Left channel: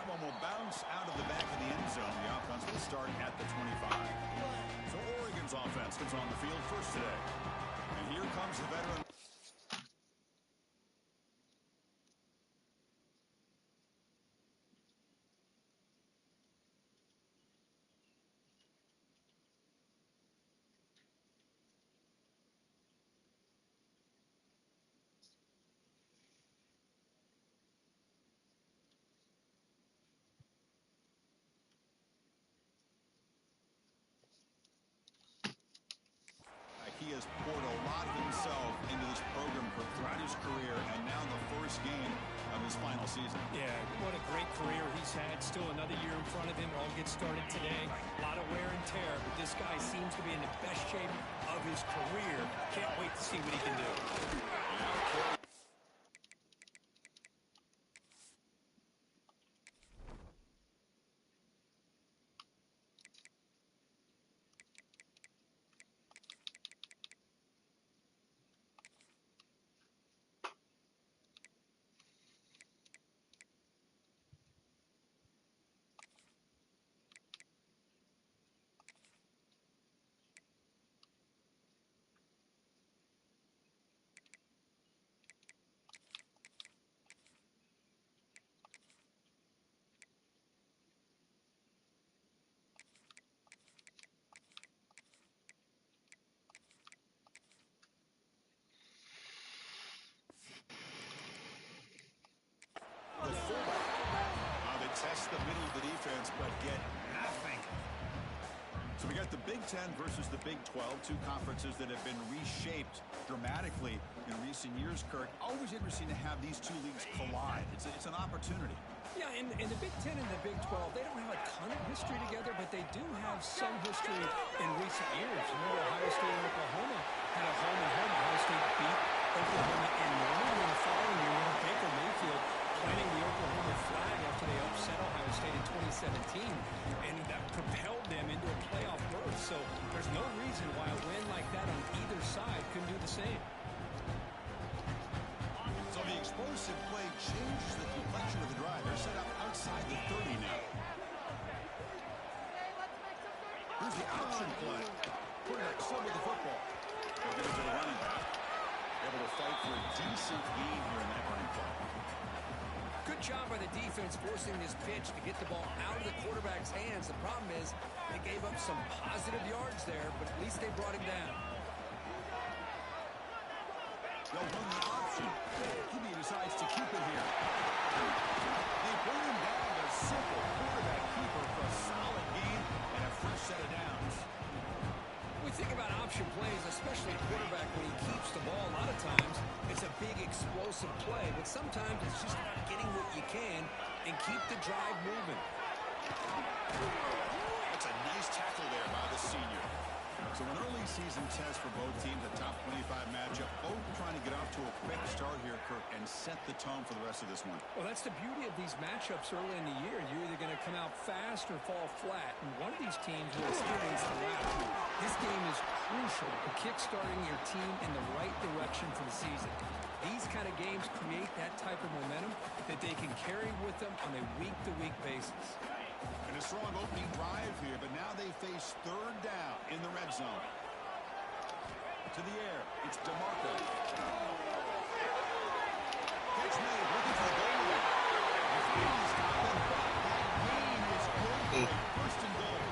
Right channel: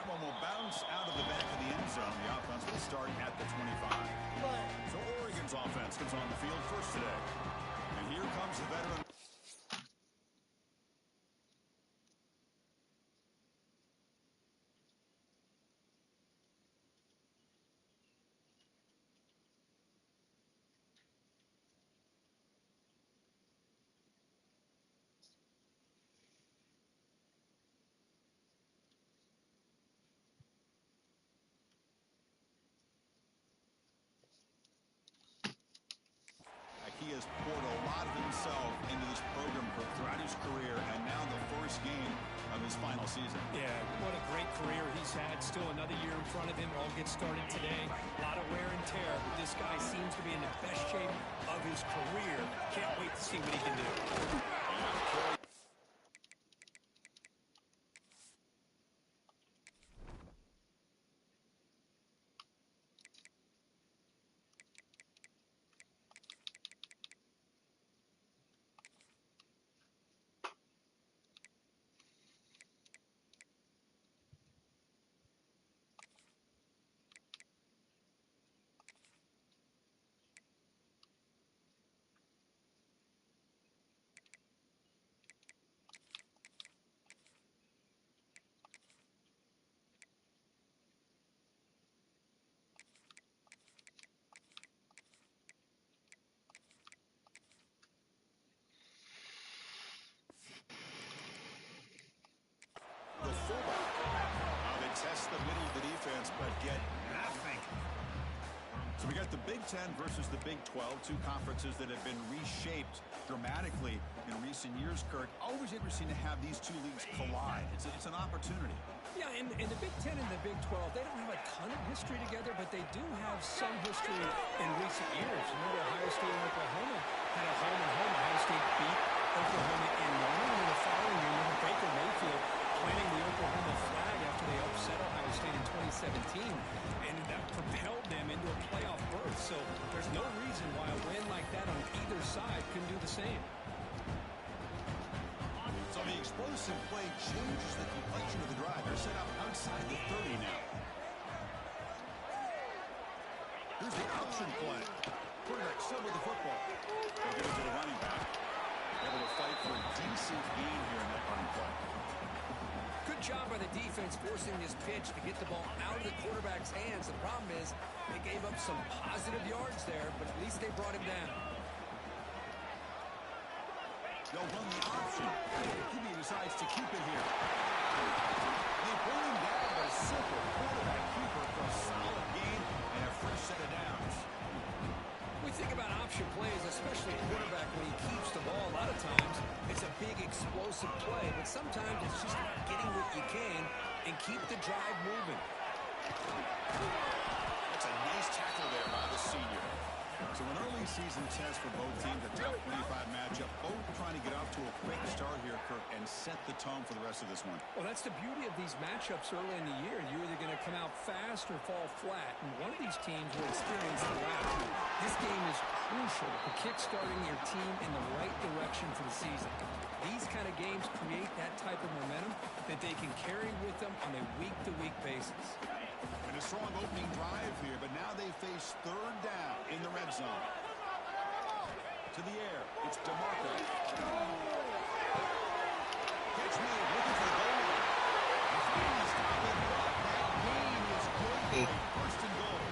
That one will bounce out of the back of the end zone. The offense will start at the 25. So Oregon's offense comes on the field first today. And here comes the veteran. He has poured a lot of himself into this program throughout his career, and now the first game of his final season. Yeah, what a great career he's had. Still another year in front of him. It all gets started today. A lot of wear and tear, but this guy seems to be in the best shape of his career. Can't wait to see what he can do. The fullback. They test the middle of the defense, but get nothing. So we got the Big Ten versus the Big 12, two conferences that have been reshaped dramatically in recent years, Kirk. Always interesting to have these two leagues collide. It's an opportunity. Yeah, in the Big Ten and the Big 12, they don't have a ton of history together, but they do have some history in recent years. Remember, Ohio State and Oklahoma had a home and home. Ohio State beat Oklahoma in Norman, and the following year, remember Baker Mayfield planting the Oklahoma flag after they upset Ohio State in 2017, and that propelled them into a playoff berth. So there's no reason why a win like that on either side couldn't do the same. So the explosive play changes the complexion of the drive. They're set up outside the 30 now. Here's the option play. Quarterback still with the football. They'll give it to the running back. Able to fight for a decent gain here in that running play. Good job by the defense forcing this pitch to get the ball out of the quarterback's hands. The problem is they gave up some positive yards there, but at least they brought him down. They'll run the option. QB decides to keep it here. They bring him down, but a simple quarterback keeper for a solid gain and a fresh set of downs. We think about option plays, especially a quarterback when he keeps the ball. A lot of times it's a big explosive play, but sometimes it's just about getting what you can and keep the drive moving. That's a nice tackle there by the senior. So an early season test for both teams, a top 25 matchup. Both trying to get off to a quick start here, Kirk, and set the tone for the rest of this one. Well, that's the beauty of these matchups early in the year. You're either going to come out fast or fall flat, and one of these teams will experience the latter. This game is crucial for kickstarting your team in the right direction for the season. These kind of games create that type of momentum that they can carry with them on a week-to-week basis. And a strong opening drive here, but now they face third down in the red zone. To the air, it's DeMarco. Catch made, looking for the goal line. The finally stop it, but that gain is good for a first and goal.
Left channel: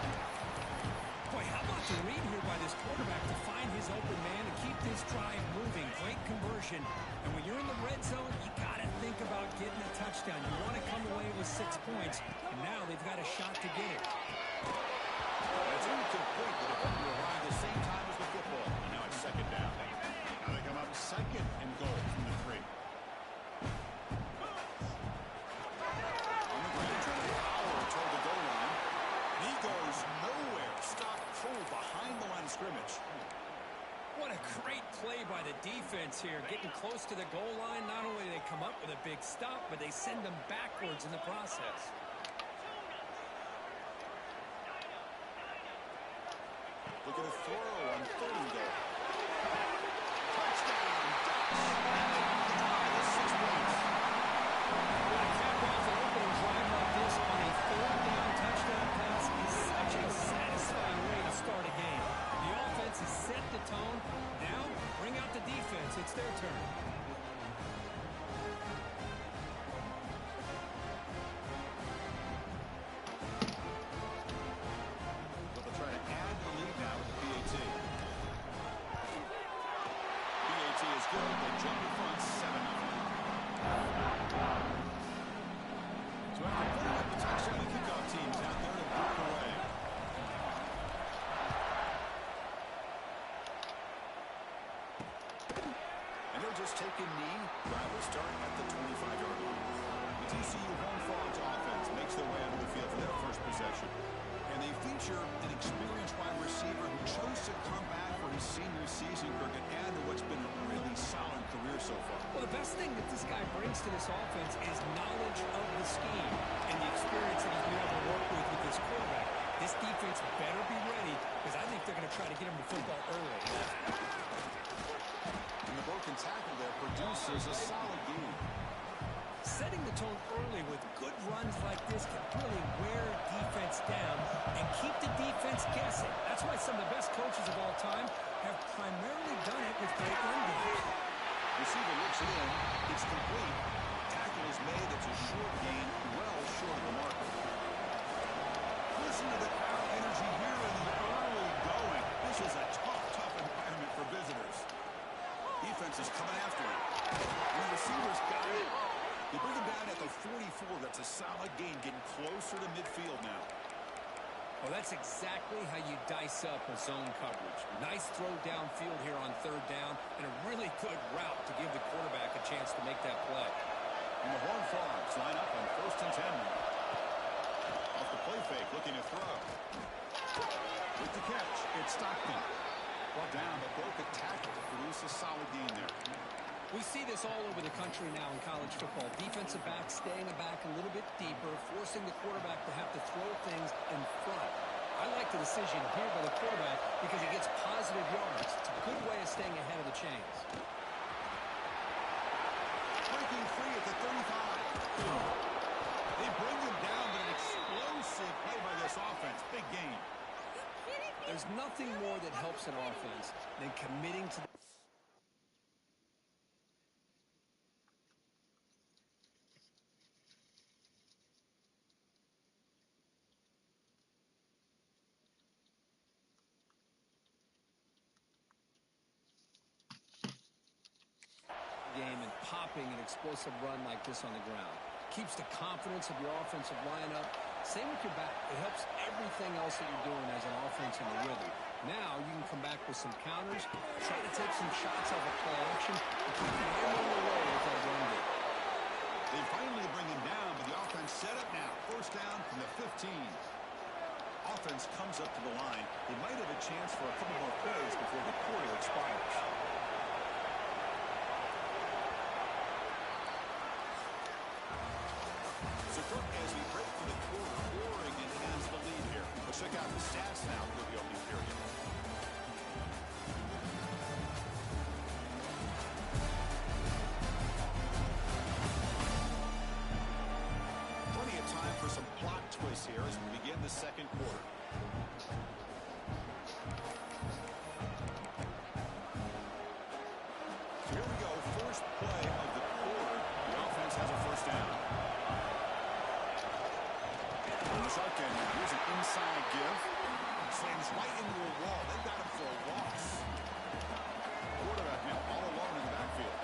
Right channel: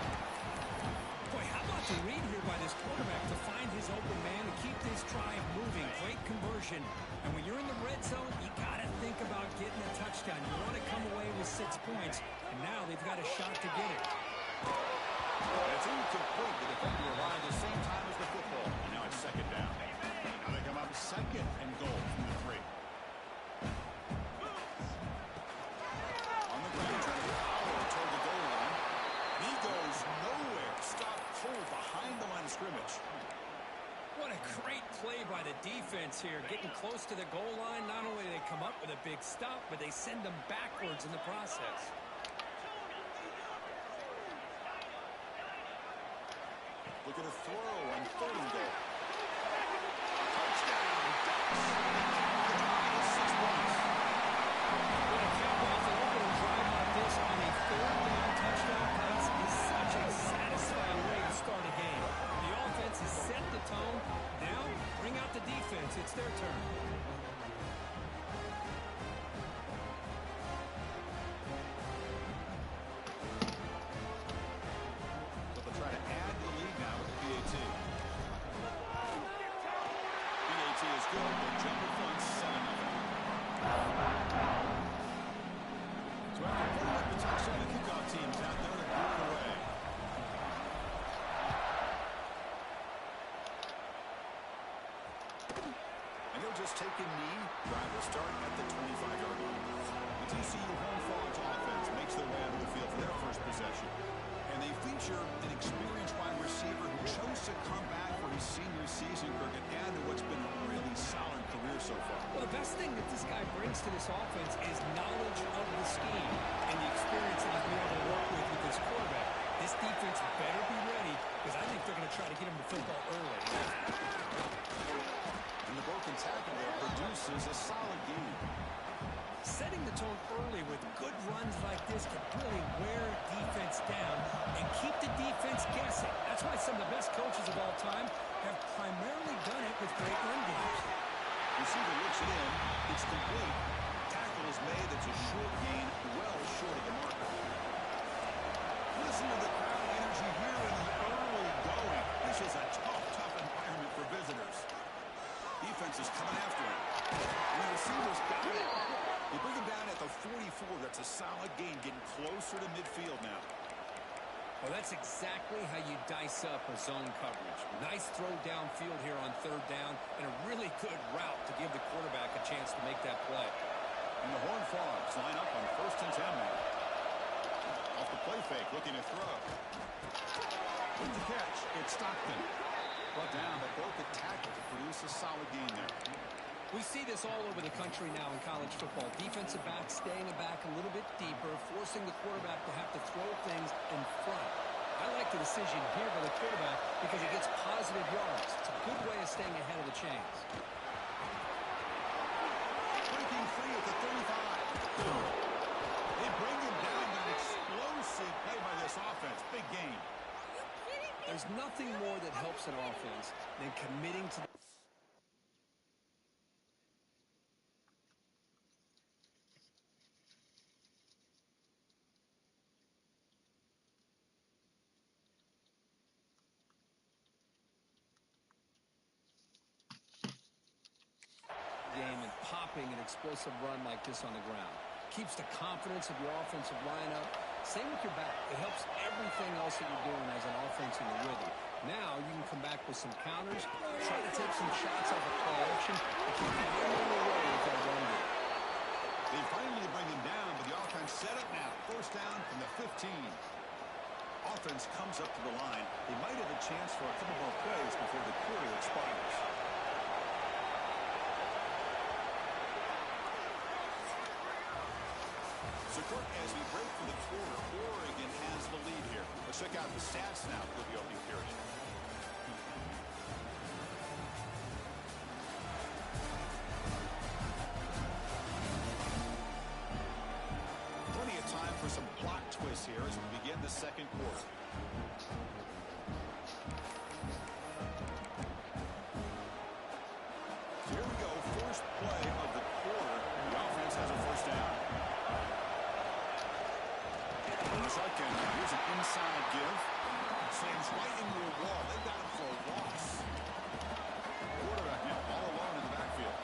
Boy, how about the read here by this quarterback to find his open man and keep this drive moving. Great conversion. And when you're in the red zone, you got to think about getting a touchdown. You want to come away with 6 points, and now they've got a shot to get it. And it's incomplete. The defender arrived at the same time as the football. And now it's second down. Now they come up second and goal from the 3. On the ground, trying to power toward the goal line. And he goes nowhere. Stop cold behind the line of scrimmage. What a great play by the defense here. Getting close to the goal line, not only do they come up with a big stop, but they send them backwards in the process. Look at a throw on third and goal. Touchdown, Ducks. The drive is 6 points. When a cap off an opening drive like this, So they'll try to add to the lead now with the PAT. PAT is good. They jump in front 7-0. So after putting up the touchdown, the kickoff team's out there to boot it away. And he'll just take a knee. Drive will start at the 25-yard line. The TCU Horned Frogs offense makes their way onto the field for their first possession. And they feature an experienced wide receiver who chose to come back for his senior season, Kirk, and add to what's been a really solid career so far. Well, the best thing that this guy brings to this offense is knowledge of the scheme and the experience that he's been able to work with this quarterback. This defense better be ready because I think they're going to try to get him the football early. And the broken tackle there produces a solid gain. Setting the tone early with good runs like this can really wear defense down and keep the defense guessing. That's why some of the best coaches of all time have primarily done it with great run games. Receiver looks it in. It's complete. Tackle is made. It's a short gain, well short of the marker. Listen to the crowd energy here in the early going. This is a tough environment for visitors. Defense is coming after him. And the receiver's got it. They bring him down at the 44. That's a solid gain, getting closer to midfield now. Well, that's exactly how you dice up a zone coverage. Nice throw downfield here on third down, and a really good route to give the quarterback a chance to make that play. And the Horned Frogs line up on 1st and 10 now. Off the play fake, looking to throw. With the catch, it's Stockton. Brought down, but broke a tackle to produce a solid gain there. We see this all over the country now in college football. Defensive backs staying back a little bit deeper, forcing the quarterback to have to throw things in front. I like the decision here by the quarterback because he gets positive yards. It's a good way of staying ahead of the chains. Breaking free at the 35. They bring him down, but an explosive play by this offense. Big gain. There's nothing more that helps an offense than committing to the game and popping an explosive run like this on the ground. Keeps the confidence of your offensive lineup. Same with your back. It helps everything else that you're doing as an offense in the rhythm. Now you can come back with some counters, try to take some shots off of play action, and keep hammering away with that run game. They finally bring him down, but the offense set up now. 1st down from the 15. Offense comes up to the line. They might have a chance for a couple more plays before the quarter expires. So, Kirk, as we break for the quarter, Oregon has the lead here. Let's check out the stats now for the opening period. Plenty of time for some plot twists here as we begin the second quarter. So here we go, first play of the quarter. The offense has a 1st down. Shotgun, here's an inside give. Slams right into a wall. They've got him for a loss. Quarterback now all alone in the backfield.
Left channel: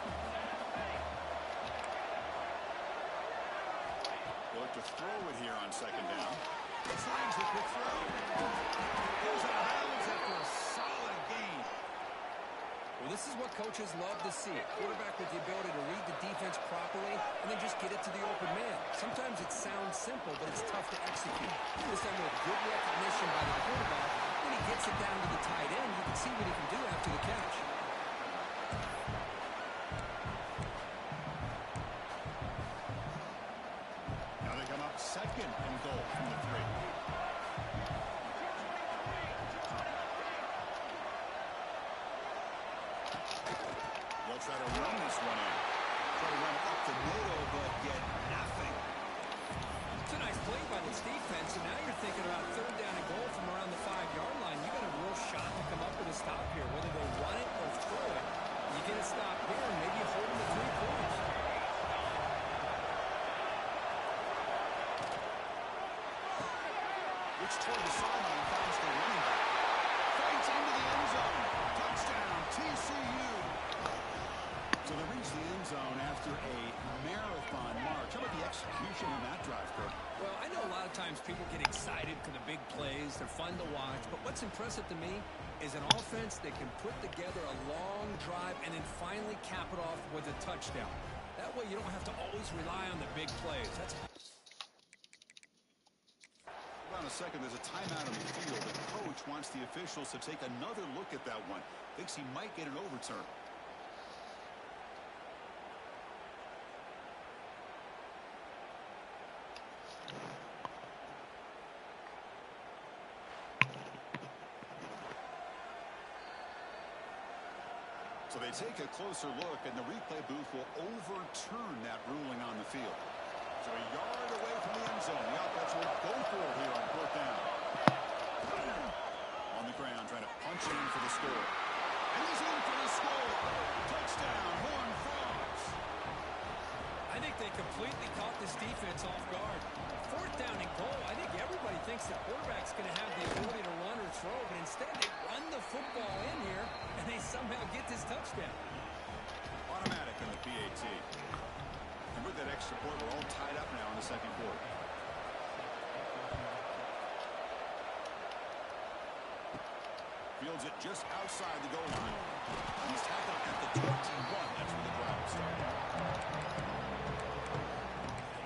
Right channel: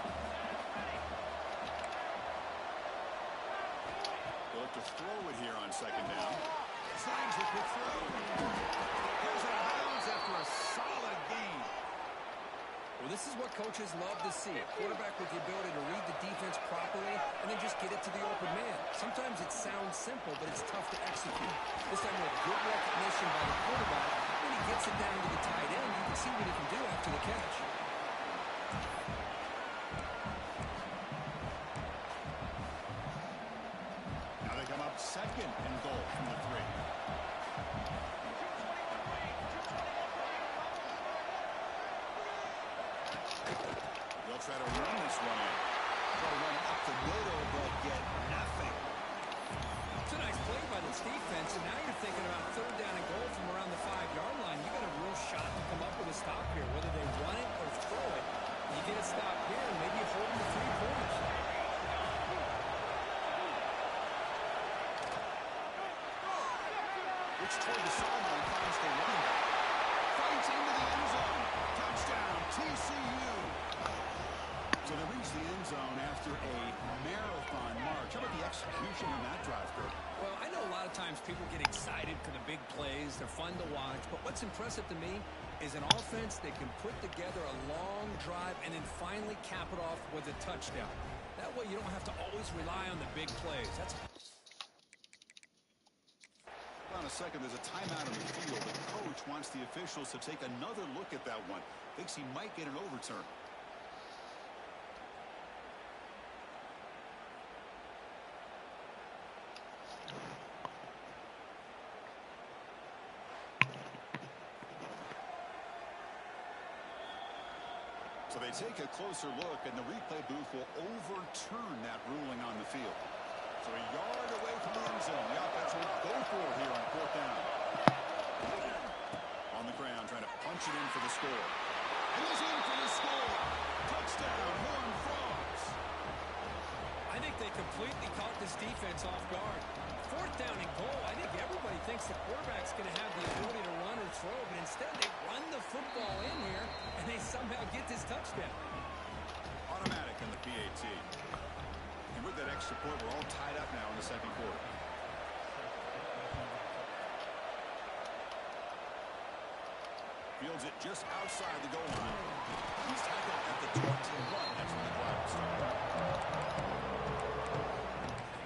They look to throw it here on 2nd down. Slams the quick throw. Goes out of bounds after a solid gain. Well, this is what coaches love to see. A quarterback with the ability to read the defense properly and then just get it to the open man. Sometimes it sounds simple, but it's tough to execute. This time with good recognition by the quarterback, when he gets it down to the tight end, you can see what he can do after the catch. Now they come up 2nd and goal from the 3. They'll try to run this one in. Try to run it up the middle, but get nothing. It's a nice play by this defense, and now you're thinking about 3rd down and goal from around the 5-yard line. You got a real shot to come up with a stop here, whether they run it or throw it. You get a stop here, and maybe you hold them to 3 points. Which toward the sideline finds the running back. Fights into the end zone. Touchdown, TCU. So they reach the end zone after a marathon march. How about the execution in that drive, Kirk? Well, I know a lot of times people get excited for the big plays. They're fun to watch. But what's impressive to me is an offense that can put together a long drive and then finally cap it off with a touchdown. That way you don't have to always rely on the big plays. That's... Hold on a second. There's a timeout on the field. The coach wants the officials to take another look at that one. Thinks he might get an overturn. So they take a closer look, and the replay booth will overturn that ruling on the field. So a yard away from the end zone. The offense will go for it here on 4th down. On the ground, trying to punch it in for the score. And he's in for the score. Touchdown, Horned Frogs. I think they completely caught this defense off guard. 4th down and goal. I think everybody thinks the quarterback's going to have the ability to run or throw, but instead they run the football in here, and they somehow get this touchdown. Automatic in the PAT. And with that extra point, we're all tied up now in the second quarter. Fields it just outside the goal line. He's tackled at the 21. That's where the drive will start.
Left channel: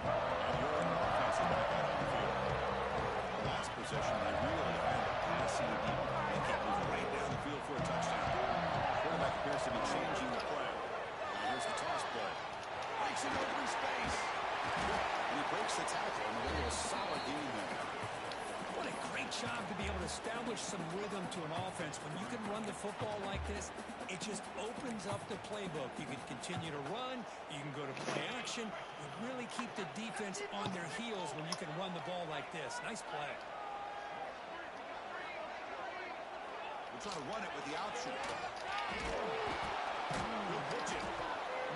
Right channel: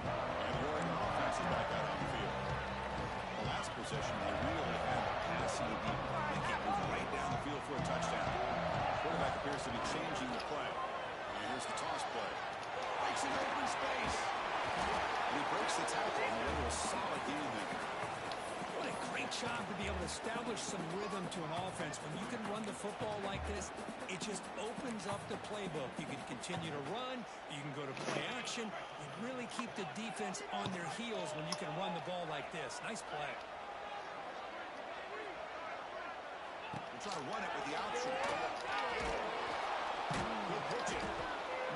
And the Oregon offense is back out on the field. The last possession, they really had the passing deep. They can't move right down the field for a touchdown. The quarterback appears to be changing the play. And here's the toss play. Breaks it over in space. And he breaks the tackle on the way to a solid gain there. What a great job to be able to establish some rhythm to an offense. When you can run the football like this, it just opens up the playbook. You can continue to run. You can go to play action. You really keep the defense on their heels when you can run the ball like this. Nice play. We'll try to run it with the option. He'll pitch it.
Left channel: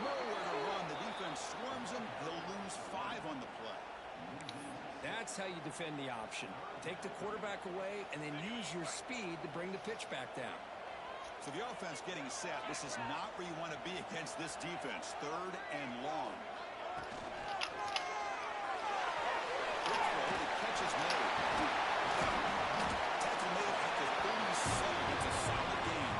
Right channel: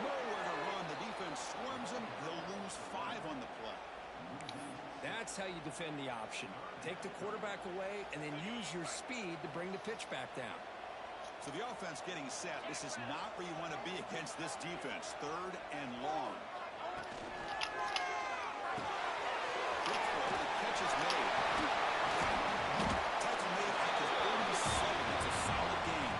Nowhere to run. The defense swarms him. He'll lose 5 on the play. That's how you defend the option. Take the quarterback away and then use your speed to bring the pitch back down. So the offense getting set. This is not where you want to be against this defense. 3rd and long. Quick throw. The catch is made. Tackle made at the 37. It's a solid gain.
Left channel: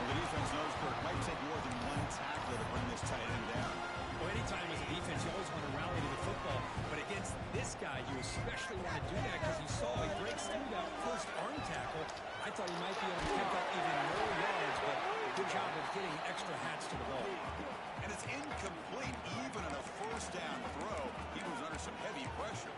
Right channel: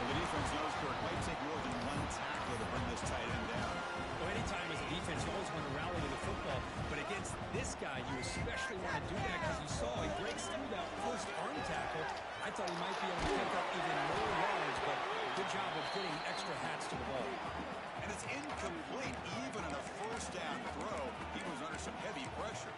Well, the defense knows Kirk might take more than one tackler to bring this tight end down. Well, anytime as a defense, you always want to rally to the football. But against this guy, you especially want to do that because you saw he breaks through that first arm tackle. I thought he might be able to pick up even more yards, but good job of getting extra hats to the ball. And it's incomplete even on a 1st down throw. He was under some heavy pressure.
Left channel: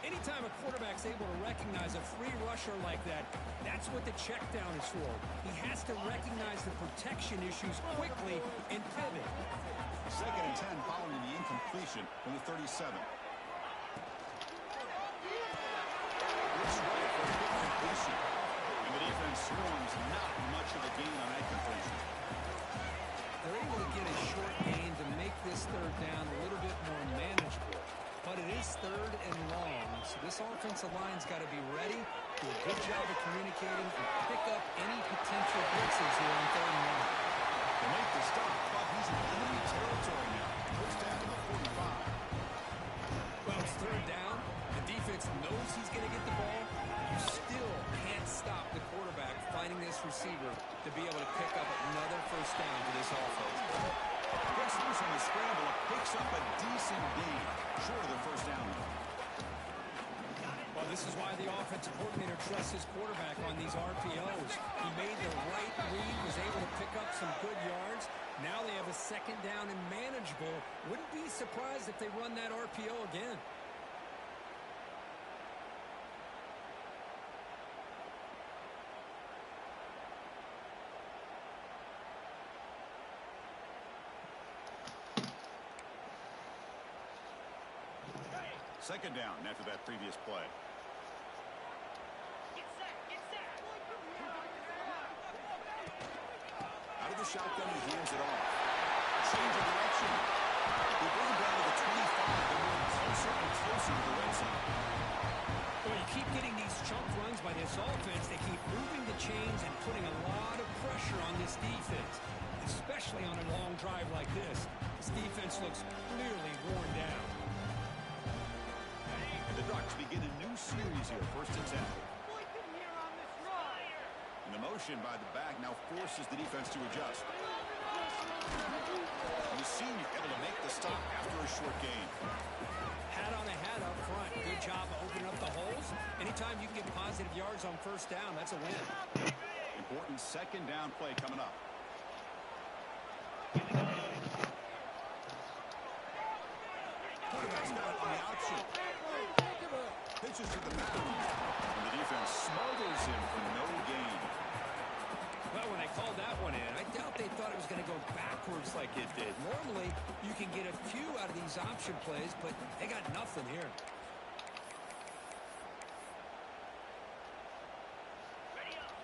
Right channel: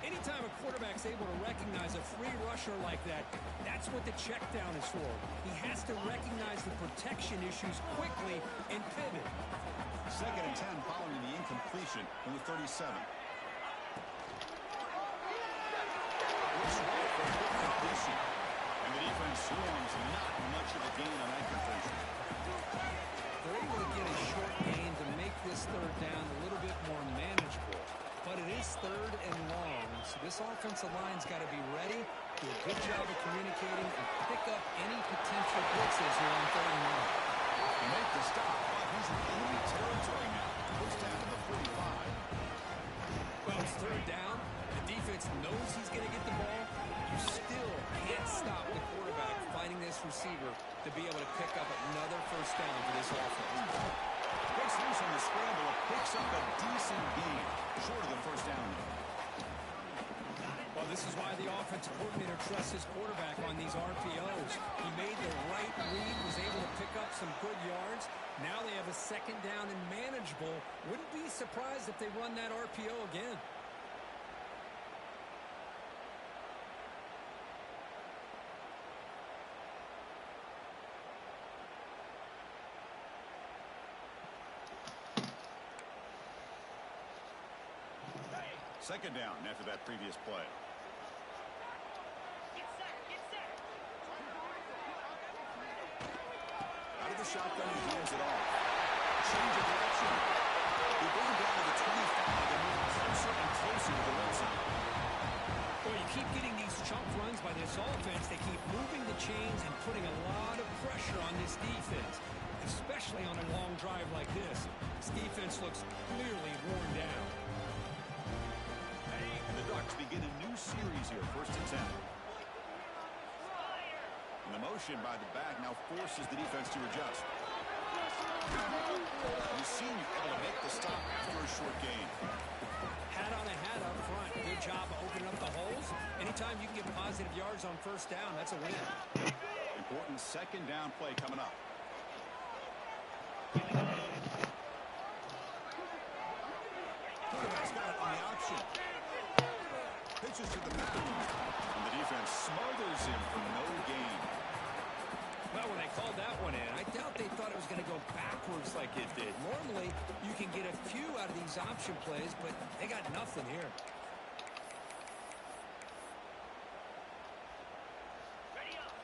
Anytime a quarterback's able to recognize a free rusher like that, that's what the check down is for. He has to recognize the protection issues quickly and pivot. 2nd and 10 following the incompletion from the 37. Looks right for a quick completion. And the defense swarms. Not much of a gain on that completion. They're able to get a short gain to make this 3rd down a little bit more manageable. But it is 3rd and long, so this offensive line's got to be ready, do a good job of communicating, and pick up any potential blitzes here on 3rd and long. To make the stop, but he's in enemy territory now. Puts down to the 45. Well, it's 3rd down. The defense knows he's going to get the ball. You still can't stop the quarterback finding this receiver to be able to pick up another 1st down for this offense. Breaks loose on the scramble and picks up a decent gain. Short of the 1st down, though. Well, this is why the offensive coordinator trusts his quarterback on these RPOs. He made the right read, was able to pick up some good yards. Now they have a 2nd down and manageable. Wouldn't be surprised if they run that RPO again. Second down after that previous play. Out of shotgun, he hands it off. Change of direction. They bring him down to the 25. They're moving closer and closer to the red zone. Well, you keep getting these chunk runs by this offense. They keep moving the chains and putting a lot of pressure on this defense, especially on a long drive like this. This defense looks clearly worn down. And the Ducks begin a new series here, 1st and 10. And the motion by the back now forces the defense to adjust. The senior able to make the stop after a short gain. Hat on a hat up front. Good job opening up the holes. Anytime you can get positive yards on 1st down, that's a win. Important 2nd down play coming up. Quarterback's got it on the option. Pitches to the back. And the defense smothers him for no gain. Well, when they called that one in, I doubt they thought it was going to go backwards like it did. Normally, you can get a few out of these option plays, but they got nothing here.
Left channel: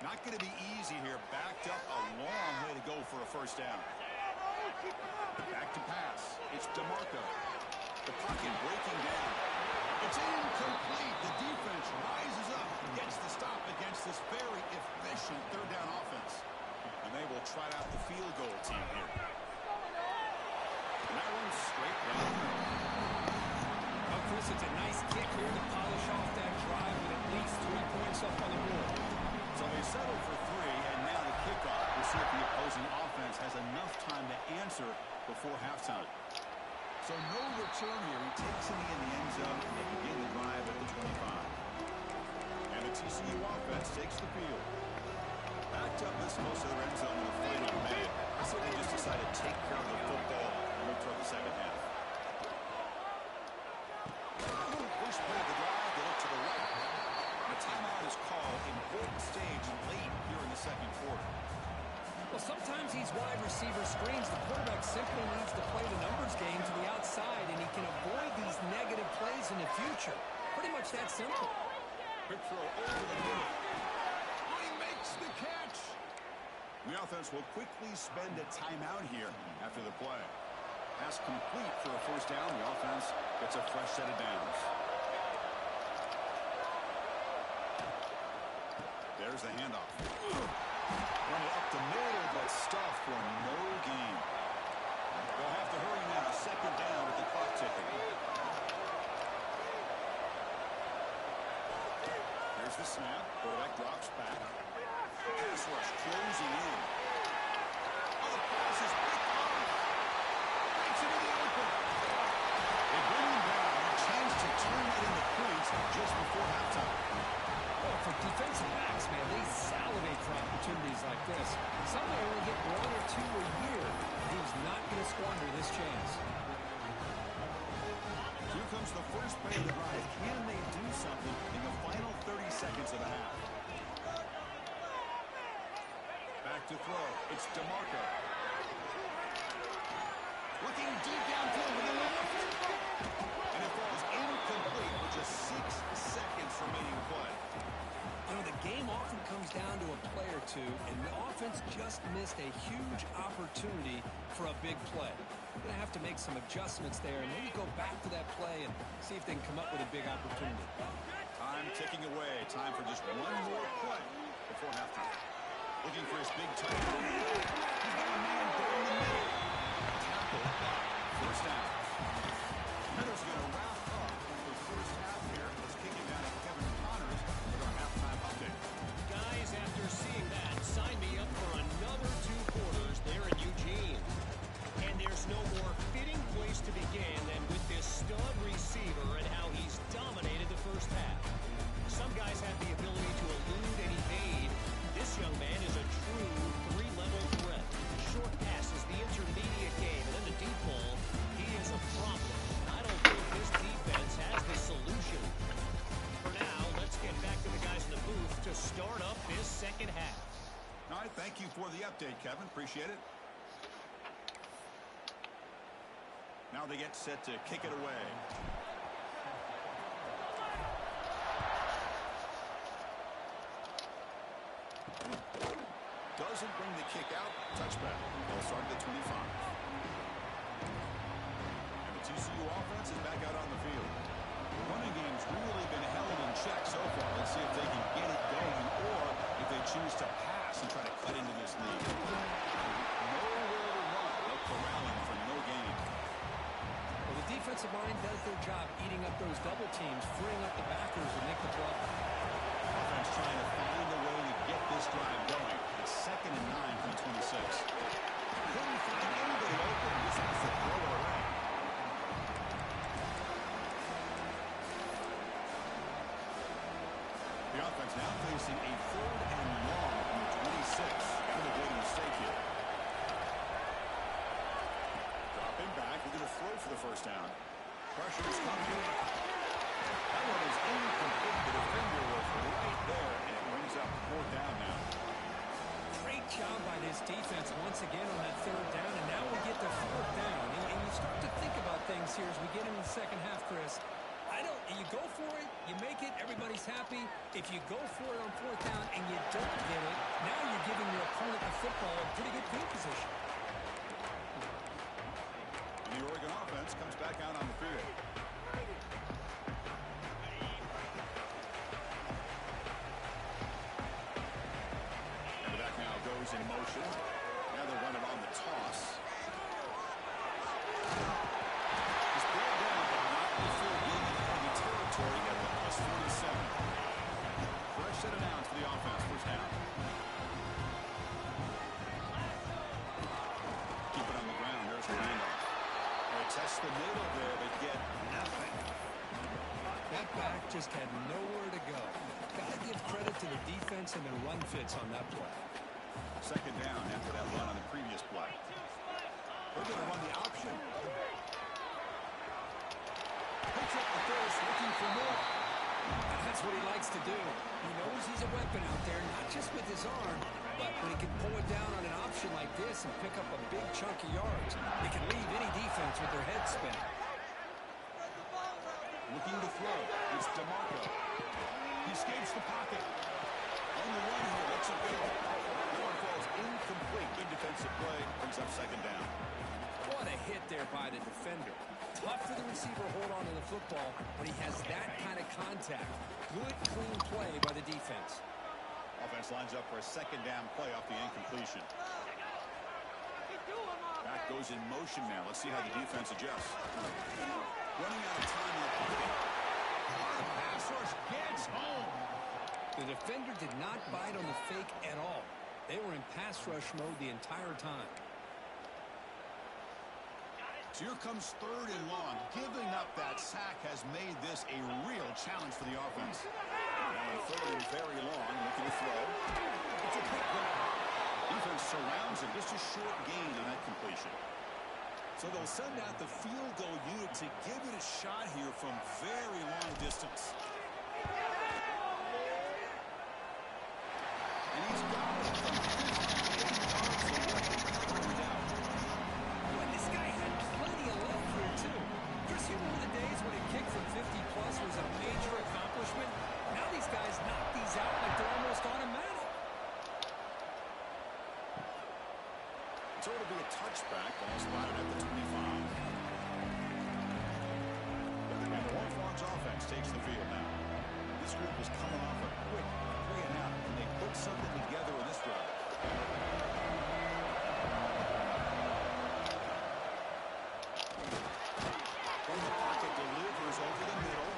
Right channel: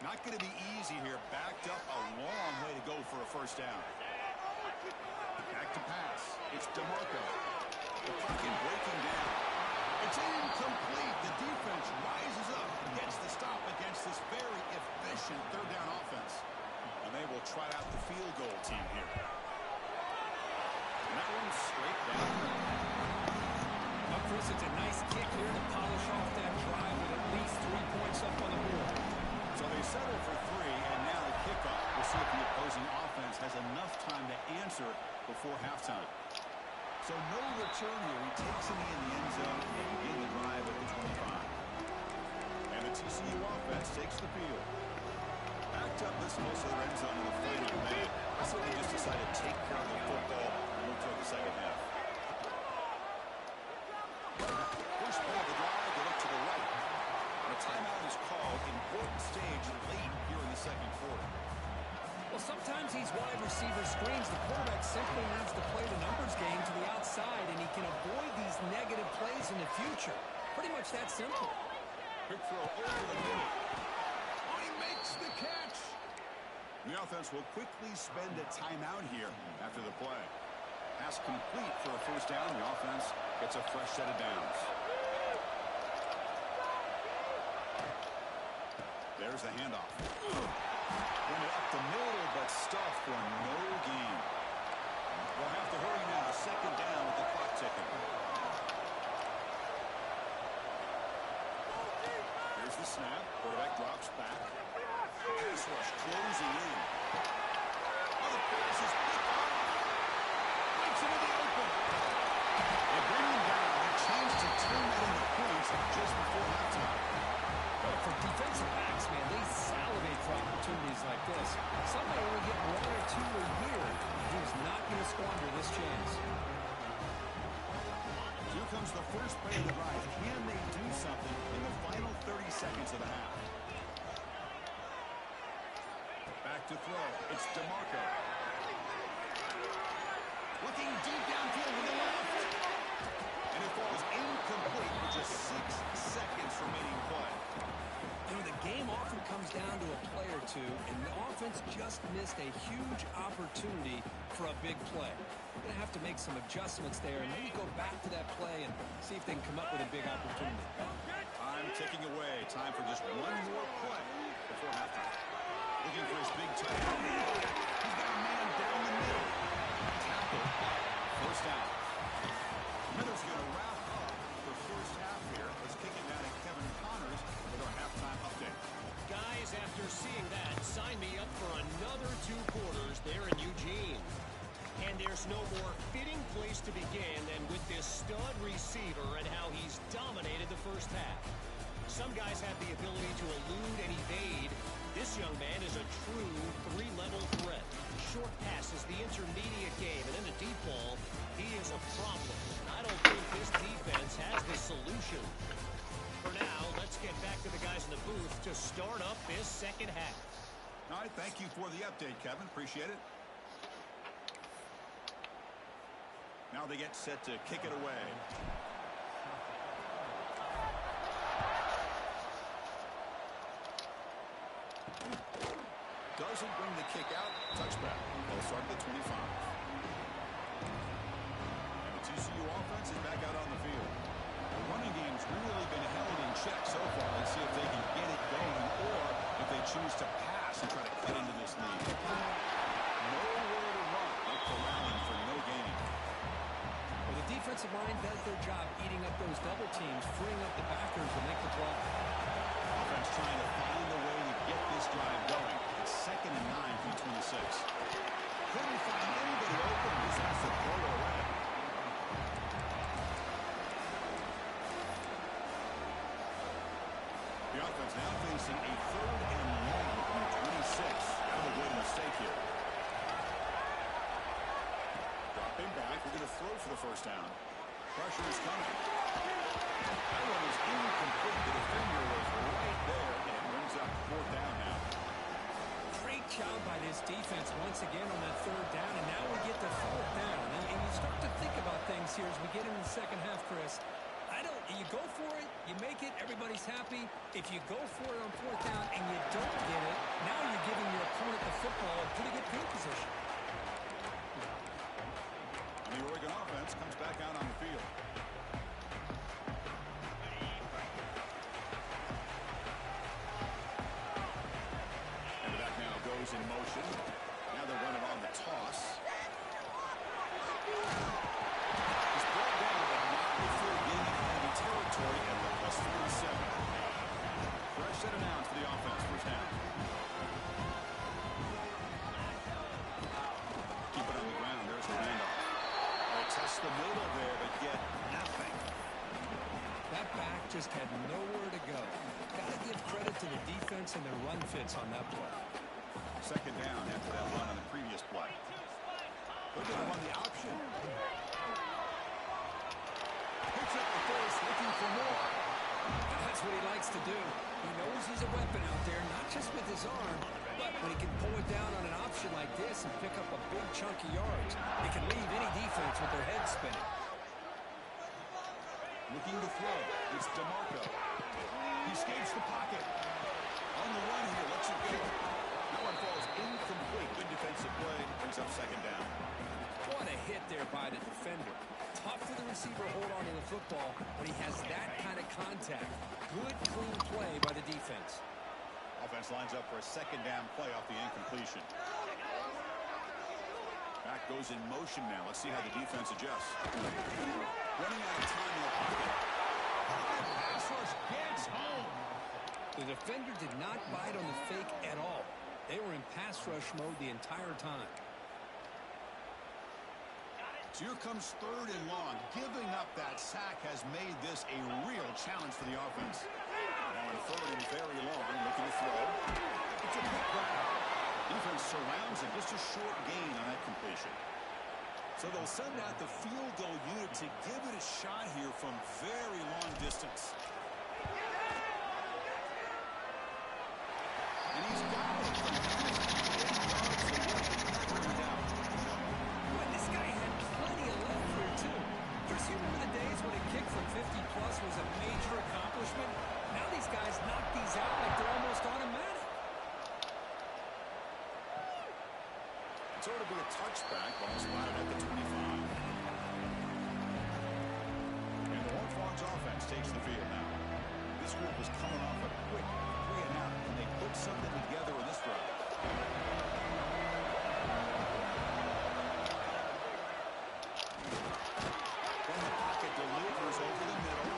Not going to be easy here. Backed up a long way to go for a 1st down. Back to pass. It's DeMarco. The pocket breaking down. It's incomplete. The defense rises up and gets the stop against this very efficient 3rd down offense. And they will try out the field goal team here. And that one's straight down. Well, Chris, it's a nice kick here to polish off that drive with at least 3 points up on the board. So they settle for 3, and now the kickoff. We'll see if the opposing offense has enough time to answer before halftime. So no return here. He takes it in the end zone and begin the drive at the 25. And the TCU offense takes the field. Backed up this close to their end zone in the final minute. I say they just decided to take care of the football and move toward the 2nd half. First play of the drive, they look to the right. And a timeout is called. Important stage late here in the 2nd quarter. Well, sometimes these wide receiver screens, the quarterback simply needs to play the numbers game to the outside, and he can avoid these negative plays in the future. Pretty much that simple. Quick throw over the middle. Oh, he makes the catch. The offense will quickly spend a timeout here after the play. Pass complete for a 1st down. The offense gets a fresh set of downs. There's the handoff. Run it up the middle, but stuffed for no gain. They'll have to hurry now. 2nd down with the clock ticking. Here's the snap. Quarterback drops back. Pass rush closing in. Oh, the pass is picked off. Breaks into the open. They bring him down. A chance to turn that into points just before halftime. Well, for defensive backs, man, they salivate for opportunities like this. Some may only get 1 or 2 a year. He's not going to squander this chance. Here comes the first play of the drive. Can they do something in the final 30 seconds of the half? Back to throw. It's DeMarco. Looking deep downfield with the left. And it falls incomplete with just 6 seconds remaining play. You know, the game often comes down to a play or two, and the offense just missed a huge opportunity for a big play. They're going to have to make some adjustments there and maybe go back to that play and see if they can come up with a big opportunity. Time ticking away. Time for just one more play before halftime. Looking for his big tight end. He's got a man down the middle. Tackle, but 1st down. Middle's going to wrap up the 1st half here. Let's kick it down to Kevin Connors with our halftime update. Guys, after seeing that, sign me up for another 2 quarters there in Eugene. And there's no more fitting place to begin than with this stud receiver and how he's dominated the 1st half. Some guys have the ability to elude and evade. This young man is a true 3-level threat. Short passes, the intermediate game, and then the deep ball. He is a problem. I don't think this defense has the solution. For now, let's get back to the guys in the booth to start up this 2nd half. All right, thank you for the update, Kevin. Appreciate it. Now they get set to kick it away. Does Doesn't bring the kick out. Touchback. They'll start at the 25. And the TCU offense is back out on the field. The running game's really been held in check so far. Let's see if they can get it going or if they choose to pass and try to cut into this lead. Nowhere to run. No corralling for no gain. Well, the defensive line does their job eating up those double teams, freeing up the backers to make the play. Offense trying to find a way to get this drive going. It's 2nd and 9 from the 26. Couldn't find anybody open. Just has to throw it away. The offense now facing a 3rd and long from the 26. Got to avoid a mistake here. Dropping back. They're going to throw for the first down. Pressure is coming. That one is incomplete. The defender was right there, and it brings up 4th down now. Great job by this defense once again on that 3rd down, and now we get to 4th down. And you start to think about things here as we get into the second half, Chris. You go for it, you make it, everybody's happy. If you go for it on 4th down and you don't get it, now you're giving your opponent the football in pretty good field position. And the Oregon offense comes back out on the field. And the back now goes in motion. Now they're running on the toss. He's brought down, but not before getting into enemy territory at the +47. Fresh set of downs for the offense. First down. Keep it on the ground. There's the handoff. They test the middle there, but get nothing. That back just had nowhere to go. Got to give credit to the defense and their run fits on that play. 2nd down after that run on the previous play. They're going to run the option. Picks up the first, looking for more. And that's what he likes to do. He knows he's a weapon out there, not just with his arm, but when he can pull it down on an option like this and pick up a big chunk of yards, it can leave any defense with their head spinning. Looking to throw. It's DeMarco. He escapes the pocket. On the run here, lets it go. That one falls incomplete. Good defensive play. Brings up 2nd down. What a hit there by the defender. Tough for the receiver to hold on to the football when he has that kind of contact. Good, clean play by the defense. Offense lines up for a 2nd down play off the incompletion. Back goes in motion now. Let's see how the defense adjusts. Running out of time in the pocket. Pass rush gets home. The defender did not bite on the fake at all. They were in pass rush mode the entire time. So here comes 3rd and long. Giving up that sack has made this a real challenge for the offense. Now in 3rd and very long, looking to throw. It's a quick grab. Defense surrounds him. Just a short gain on that completion. So they'll send out the field goal unit to give it a shot here from very long distance. And he's got it from 58 yards away. Turned out. Boy, this guy had plenty of leg here, too. Chris, you remember the days when a kick from 50-plus was a major accomplishment? Now these guys knock these out like they're almost automatic. So it'll be a touchback. Ball spotted at the 25. And the Horned offense takes the field now. This group was coming off a quick 3 and out, and they put something together in this drive. From the pocket, delivers over the middle.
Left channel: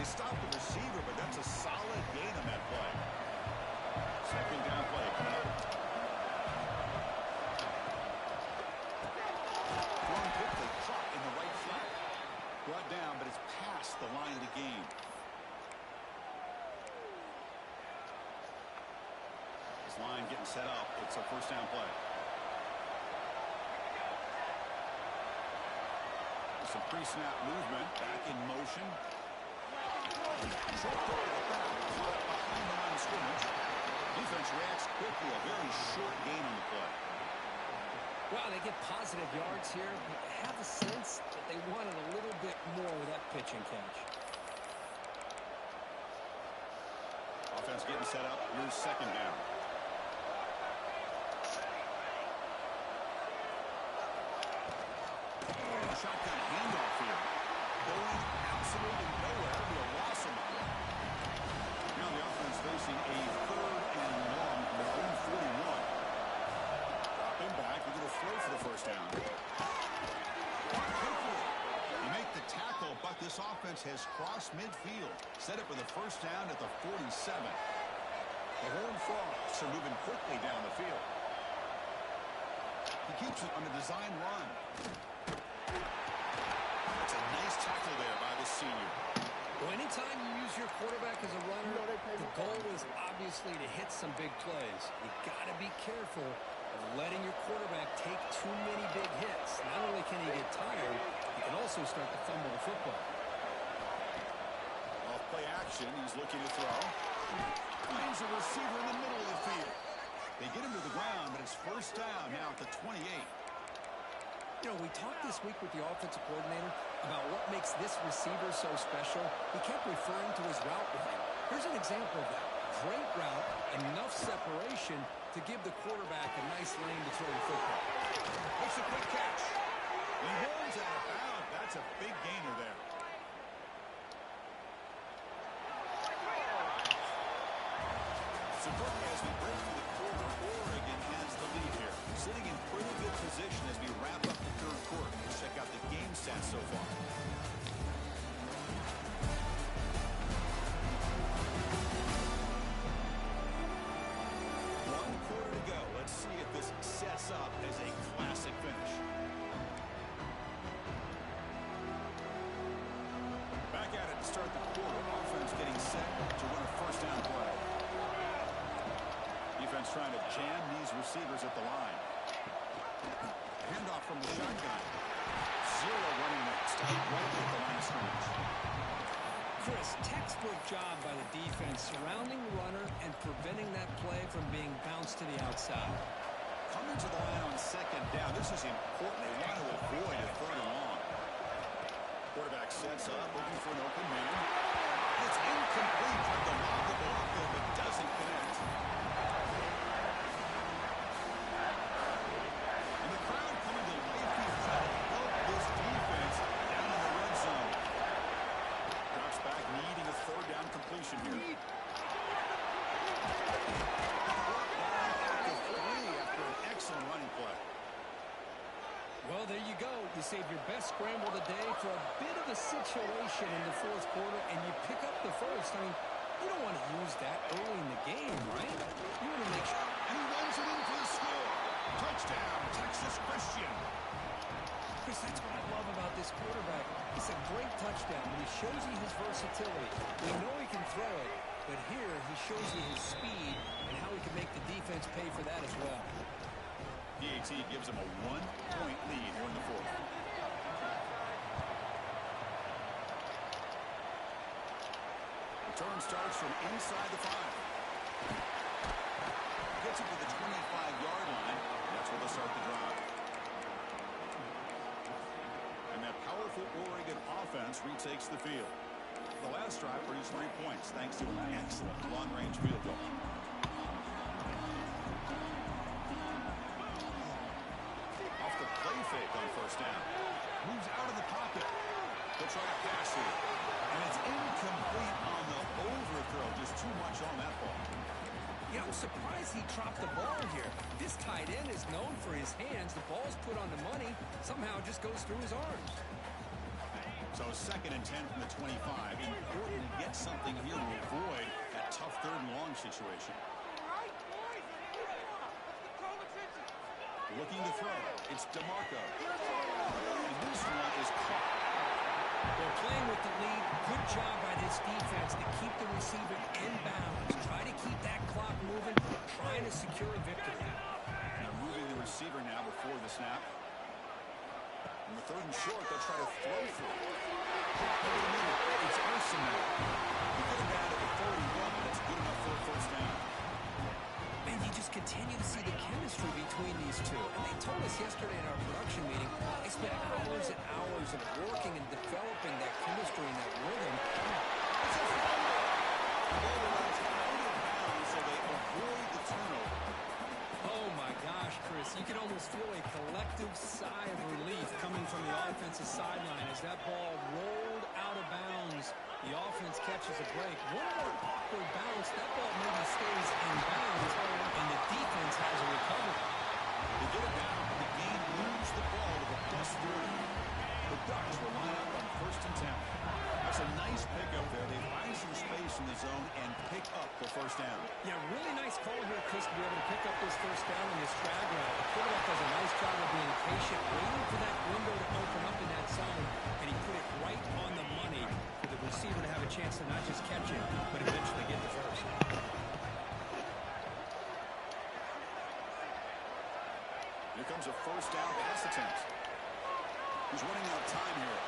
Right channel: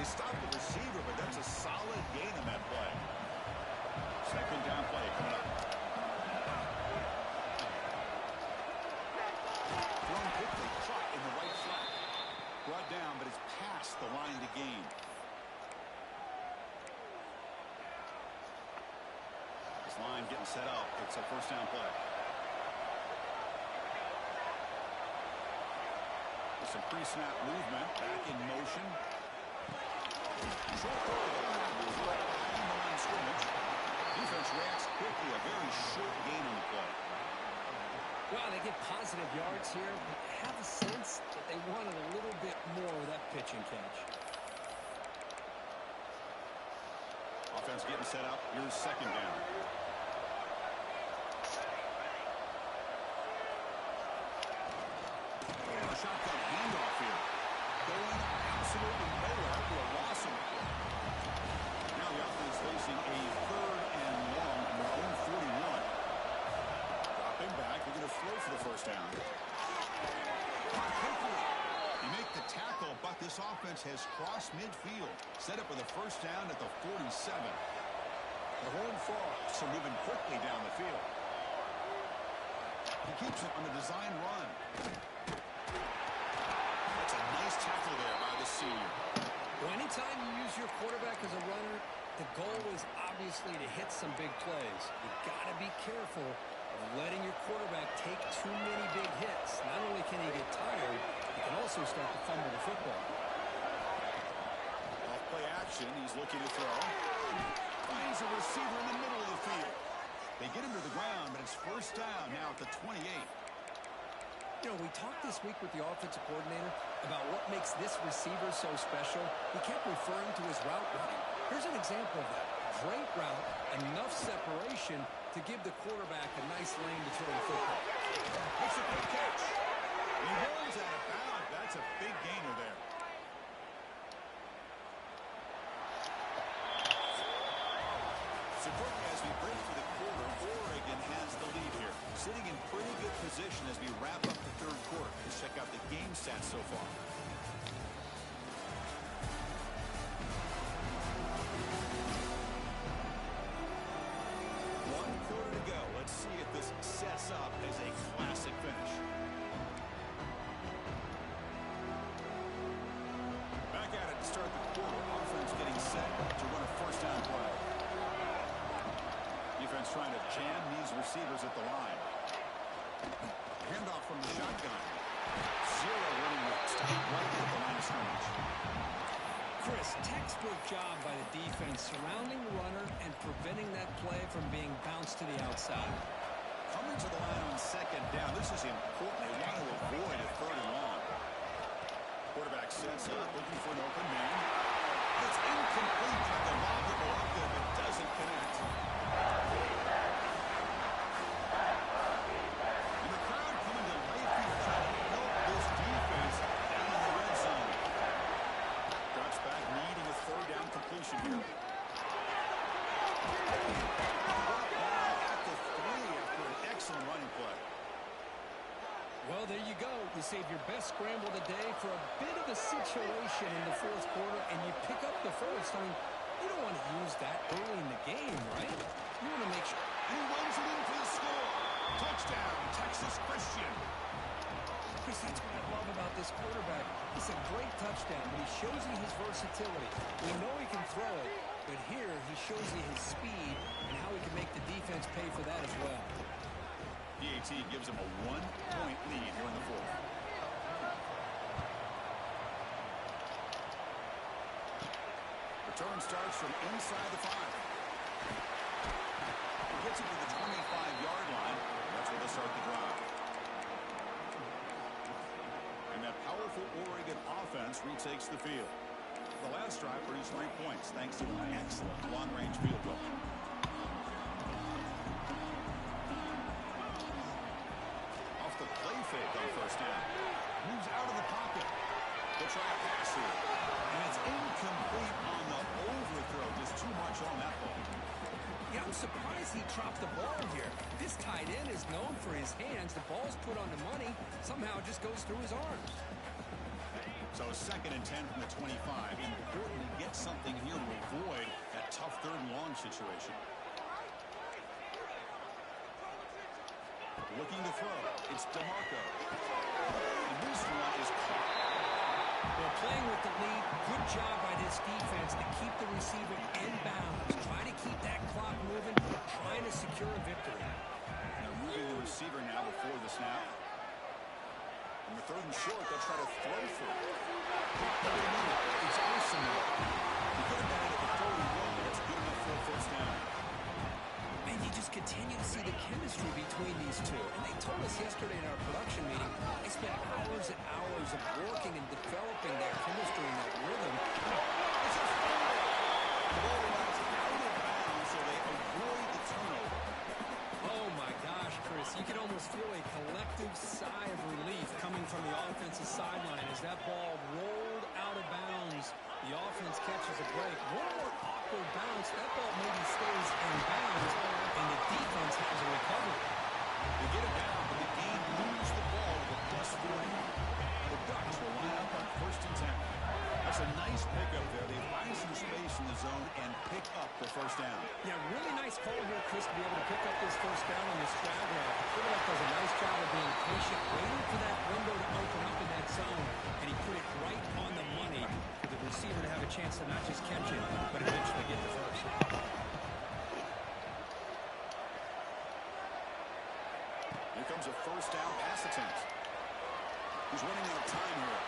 They stop the receiver, but that's a solid gain on that play. 2nd down play coming up. Thrown quickly, caught in the right flat. Brought down, but it's past the line to gain. This line getting set up. It's a 1st down play. With some pre-snap movement, back in motion. Short throw to the back, caught behind the line of scrimmage. Defense reacts quickly. A very short gain on the play. Well, they get positive yards here, but you have a sense that they wanted a little bit more with that pitch and catch. Offense getting set up. Here's 2nd down. shotgun handoff here. Going absolutely nowhere to a loss in the play. Now the offense facing a 3rd and long from their own 41. Dropping back, they're going to throw for the first down. Caught quickly. They make the tackle, but this offense has crossed midfield. Set up for the first down at the 47. The Horned Frogs are moving quickly down the field. He keeps it on a design run. That's a nice tackle there by the senior. Well, anytime you use your quarterback as a runner, the goal is obviously to hit some big plays. You got to be careful of letting your quarterback take too many big hits. Not only can he get tired, he can also start to fumble the football. Off play action, he's looking to throw. Finds a receiver in the middle of the field. They get him to the ground, but it's first down now at the 28. You know, we talked this week with the offensive coordinator about what makes this receiver so special. He kept referring to his route running. Here's an example of that. Great route, enough separation to give the quarterback a nice lane to throw the football. Makes a quick catch. He rolls out of bounds. That's a big gainer there. So quickly as we break for the quarter, Oregon has the lead here. Sitting in pretty good position as we wrap up the 3rd quarter. Let's check out the game stats so far. One quarter to go. Let's see if this sets up as a classic finish. Back at it to start the quarter. Offense getting set to run a first down play. Defense trying to jam these receivers at the line. Handoff from the shotgun. Zero running room. Stop right at the line of scrimmage. Chris, textbook job by the defense surrounding the runner and preventing that play from being bounced to the outside. Coming to the line on 2nd down. This is important. They want to avoid a 3rd and long. Quarterback sets up, looking for an open man. It's incomplete. Tried to lob the ball up there, but doesn't connect. And the crowd coming to life here, trying to help this defense down in the red zone. Drops back, needing a 3rd down completion here. Brought down at the 3 after an excellent running play. Well, there you go. You save your best scramble of the day for a bit of a situation in the 4th quarter, and you pick up the first. I mean, you don't want to use that early in the game, right? You want to make sure. And he runs it in for the score. Touchdown, Texas Christian. Chris, that's what I love about this quarterback. It's a great touchdown, but he shows you his versatility. We know he can throw it, but here he shows you his speed and how he can make the defense pay for that as well. PAT gives him a 1-point lead here in the 4th. Return starts from inside the 5. Gets it to the 25-yard line. That's where they'll start the drive. And that powerful Oregon offense retakes the field. The last drive produced 3 points thanks to an excellent long-range field goal. Off the play fake on first down. Moves out of the pocket. They'll try a pass here. And it's incomplete on the overthrow. Just too much on that ball. Yeah, I'm surprised he dropped the ball here. This tight end is known for his hands. The ball's put on the money. Somehow it just goes through his arms. So 2nd and 10 from the 25. Important to get something here to avoid that tough 3rd and long situation. Looking to throw. It's DeMarco. And this one is caught. Well, playing with the lead, good job by this defense to keep the receiver in bounds. Try to keep that clock moving, trying to secure a victory. And they're moving the receiver now before the snap. And the 3rd and short, they'll try to throw through. It's Arsenal. He could have got it at the 41, but it's good enough for a first down. And you just continue to see the chemistry between these two. And they told us yesterday in our production meeting, they spent hours and hours of working and developing that chemistry and that rhythm. It's a fumble. The ball runs out of bounds, so they avoid the turnover. Oh, my gosh, Chris. You can almost feel a collective sigh of relief coming from the offensive sideline as that ball rolled out of bounds. The offense catches a break. One more awkward bounce. That ball maybe stays in bounds, and the defense has a recovery. They get it down, but the game moves the ball to the +40. The Ducks will line up on 1st and 10. That's a nice pickup there. They find some space in the zone and pick up the first down. Yeah, really nice call here, Chris, to be able to pick up this first down on this drag route. The quarterback does a nice job of being patient, waiting for that window to open up in that zone, and he put it right on the money for the receiver to have a chance to not just catch it, but eventually get the first. Here comes a first down pass attempt. He's running out of time here.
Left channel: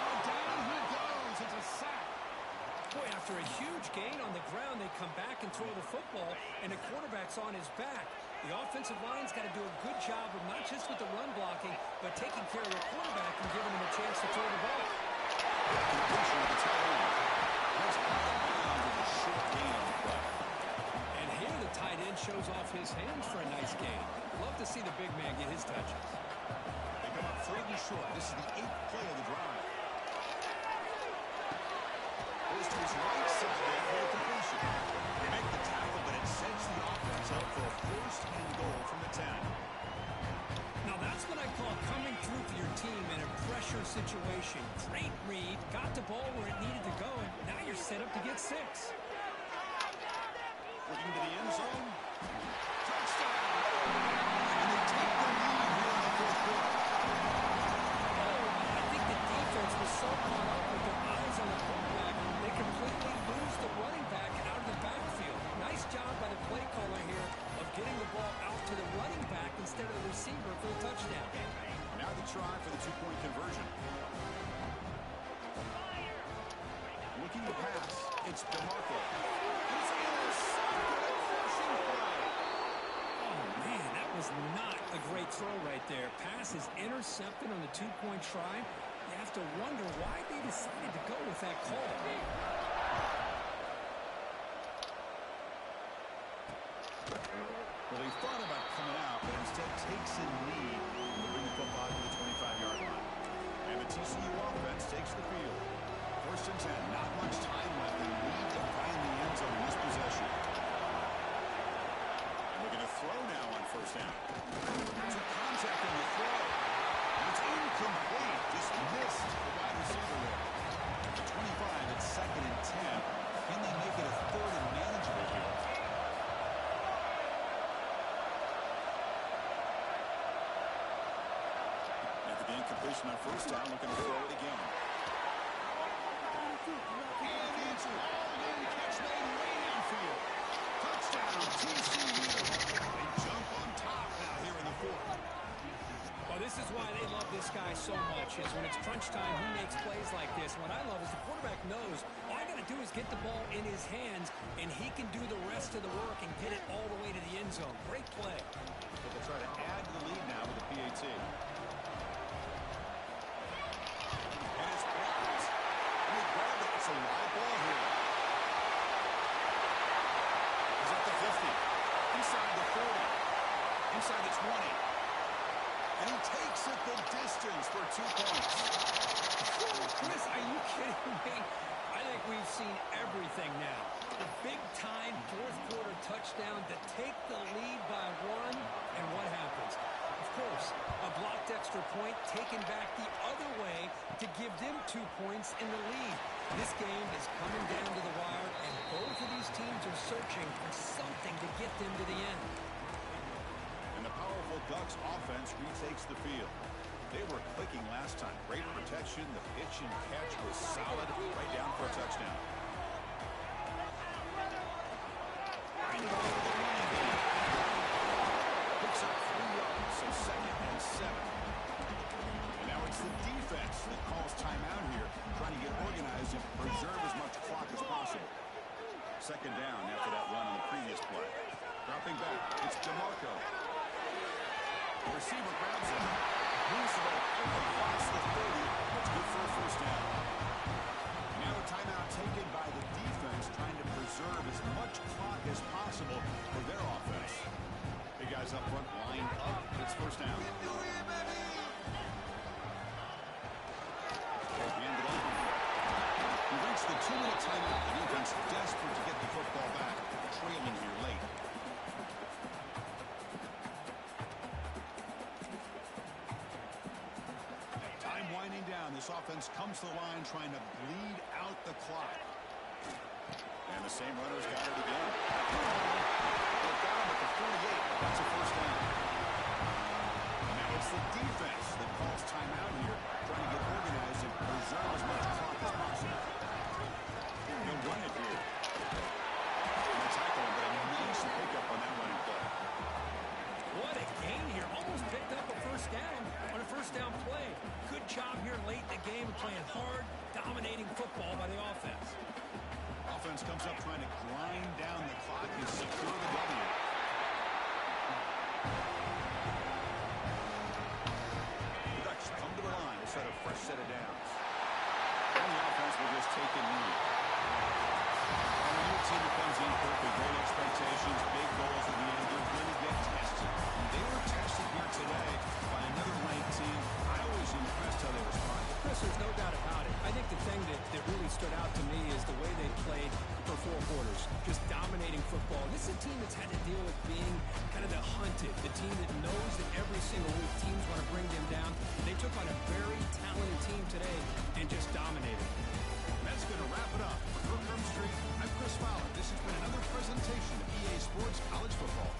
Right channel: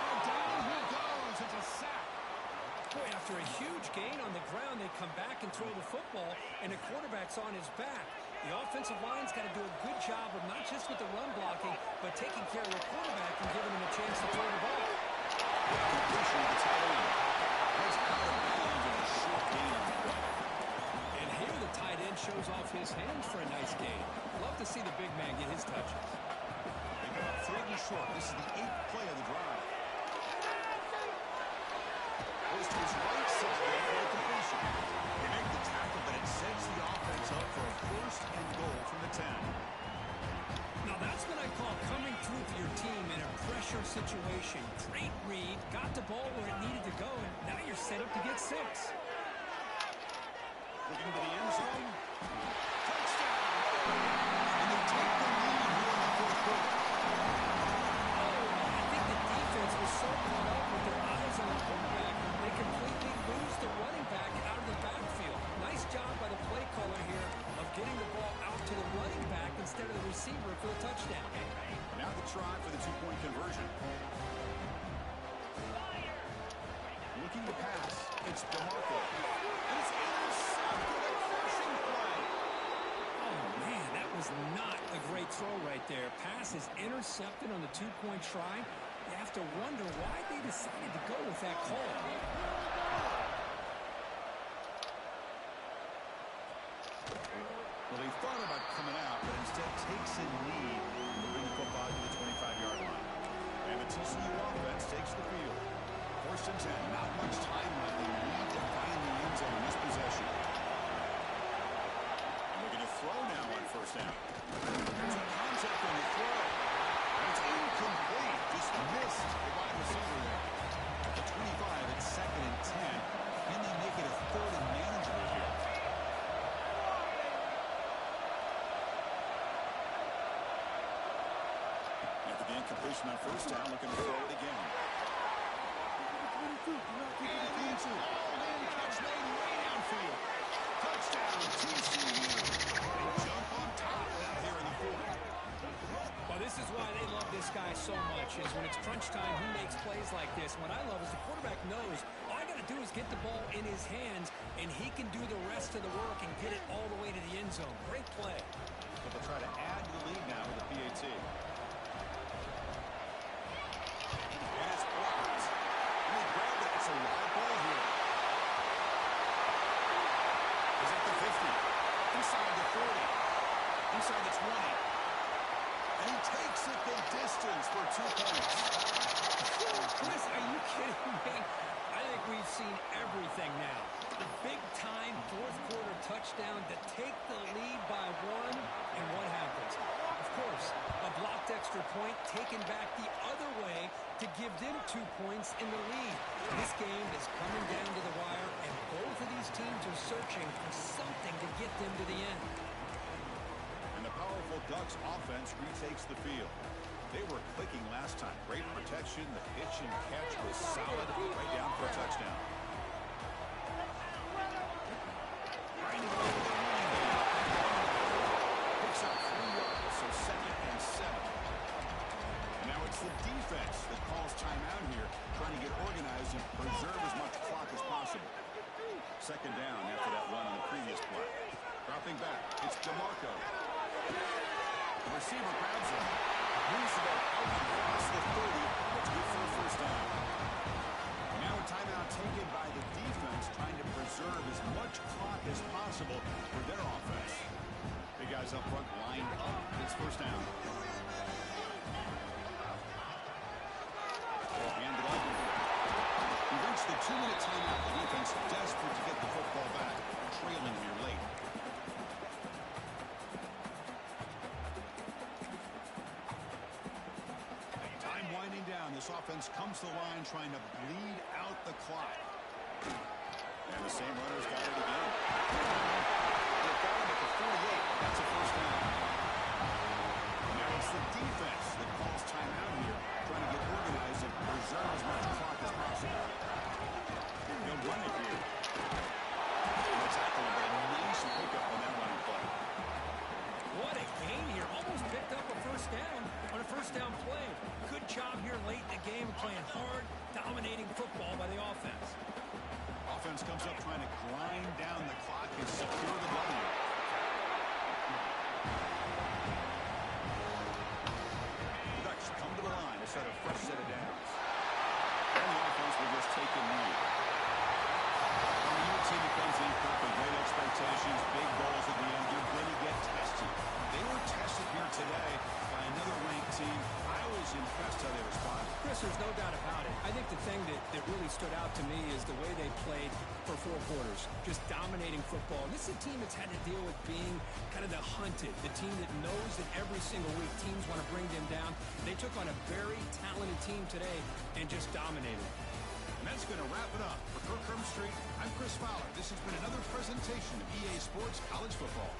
Oh, down he goes. It's a sack. Boy, after a huge gain on the ground, they come back and throw the football, and the quarterback's on his back. The offensive line's got to do a good job of not just with the run blocking, but taking care of the quarterback and giving him a chance to throw the ball. Completion of the tight end. That's out of bounds with a short gain on the play. And here the tight end shows off his hands for a nice gain. Love to see the big man get his touches. They come up 3rd and short. This is the 8th play of the drive. Goes to his right side there for the completion. They make the tackle, but it sets the offense up for a 1st and goal from the 10. Now that's what I call coming through for your team in a pressure situation. Great read, got the ball where it needed to go, and now you're set up to get 6. Looking to the end zone. Touchdown! And they take the lead here in the 4th quarter. Oh, I think the defense was so caught up with their eyes on the quarterback, they completely lose the running back out of the backfield. Nice job by the play caller here of getting the ball out to the running back instead of the receiver for the touchdown. Now the try for the 2-point conversion. Looking to pass, it's DeMarco. And it's intercepted, a crushing play. Oh, man, that was not a great throw right there. Pass is intercepted on the 2-point try. You have to wonder why they decided to go with that call. Well, they thought about coming out, but instead takes a knee, moving the football to the 25-yard line. And the TCU offense takes the field. 1st and 10, not much time left. They need to find the end zone in this possession. And looking to throw now on 1st down. Some contact on the throw. And it's incomplete. Just missed the wide receiver there. At the 25, it's 2nd and 10. Can they make it a 3rd and manageable here? After the incompletion on 1st down, looking to throw it again. And it's hauled in, catch made way downfield. Touchdown, TCU. They jump on top now here in the 4th. Well, this is why they love this guy so much, is when it's crunch time, he makes plays like this. What I love is the quarterback knows all I got to do is get the ball in his hands, and he can do the rest of the work and get it all the way to the end zone. Great play. But they'll try to add to the lead now with the PAT. And it's blocked. And they grab it. It's a live ball here. He's at the 50. Inside the 40. Inside the 20. And he takes it the distance for 2 points. Chris, are you kidding me? I think we've seen everything now. The big-time 4th quarter touchdown to take the lead by 1, and what happens? Of course, a blocked extra point taken back the other way to give them 2 points in the lead. This game is coming down to the wire, and both of these teams are searching for something to get them to the end. And the powerful Ducks offense retakes the field. They were clicking last time. Great protection. The pitch and catch was solid. Right down for a touchdown. Right away with the running game. Picks up 3 yards, so 2nd and 7. And now it's the defense that calls timeout here, trying to get organized and preserve as much clock as possible. 2nd down after that run on the previous play. Dropping back, it's DeMarco. The receiver grabs him. Moves the ball out across the 30. That's good for a 1st down. And now a timeout taken by the defense, trying to preserve as much clock as possible for their offense. Big guys up front lined up. It's 1st down. winding down. This offense comes to the line trying to bleed out the clock. And the same runner's got it again. They've got him at the 48, but that's a first down. Now it's the defense that calls timeout here, trying to get organized and preserve as much clock as possible. He'll run it here. And they tackle him, but a nice pickup on that running play. What a gain here. Almost picked up a first down on a first down play. Good job here late in the game, playing hard, dominating football by the offense. Offense comes up trying to grind down the clock and secure the W. The Ducks come to the line to set a fresh set of downs. And the offense will just take a lead. When you're a team that comes in, Kirk, with great expectations, big goals at the end, you're going to get tested. They were tested here today by another ranked team. I was impressed how they responded. Chris, there's no doubt about it. I think the thing that really stood out to me is the way they played for 4 quarters, just dominating football. And this is a team that's had to deal with being kind of the hunted, the team that knows that every single week teams want to bring them down. They took on a very talented team today and just dominated. And that's going to wrap it up. For Kirk Street, I'm Chris Fowler. This has been another presentation of EA Sports College Football.